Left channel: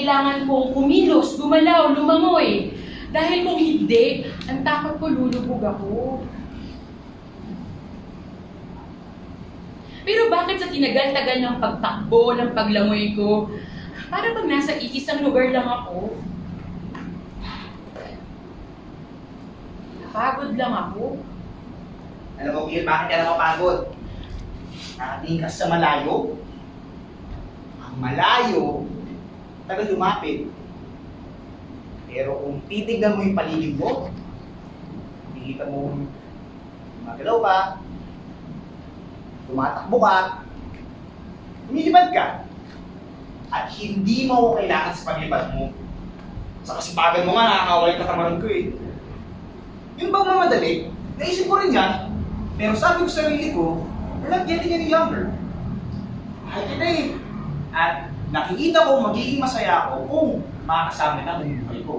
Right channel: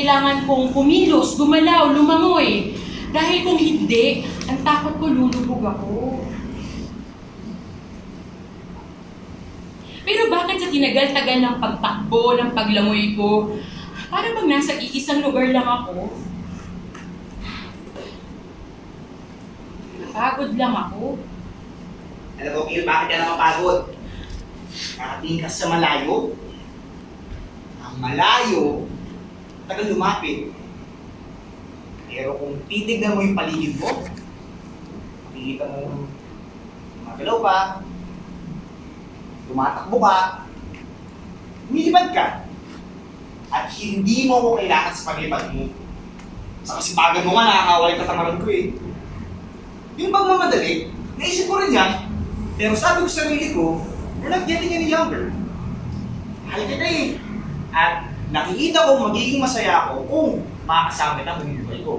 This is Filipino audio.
kailangan kong kumilos, gumalaw, lumangoy. Dahil kung hindi, ang takot ko lulubog ako. Pero bakit sa tinagal-tagal ng pagtakbo, ng paglangoy ko, para bang nasa iisang lugar lang ako? Pagod lang ako. Alam mo, Gil, bakit ka nakapagod? Kakatingin ka sa malayo. Ang malayo, tagal lumapit. Pero kung titignan mo yung paligid mo, makikita mo gumagalaw ka, tumatakbo ka, lumilipad ka. At hindi mo ako kailangan sa paglipad mo. Sa kasipagan mo nga, nakakawal yung katamaran ko eh. Yung bang mamadali, naisip ko rin yan. Pero sabi ko sa sarili ko, we're not getting any younger. Mahal kita eh. At nakikita ko magiging masaya ako kung makakasama kita ng buhay ko.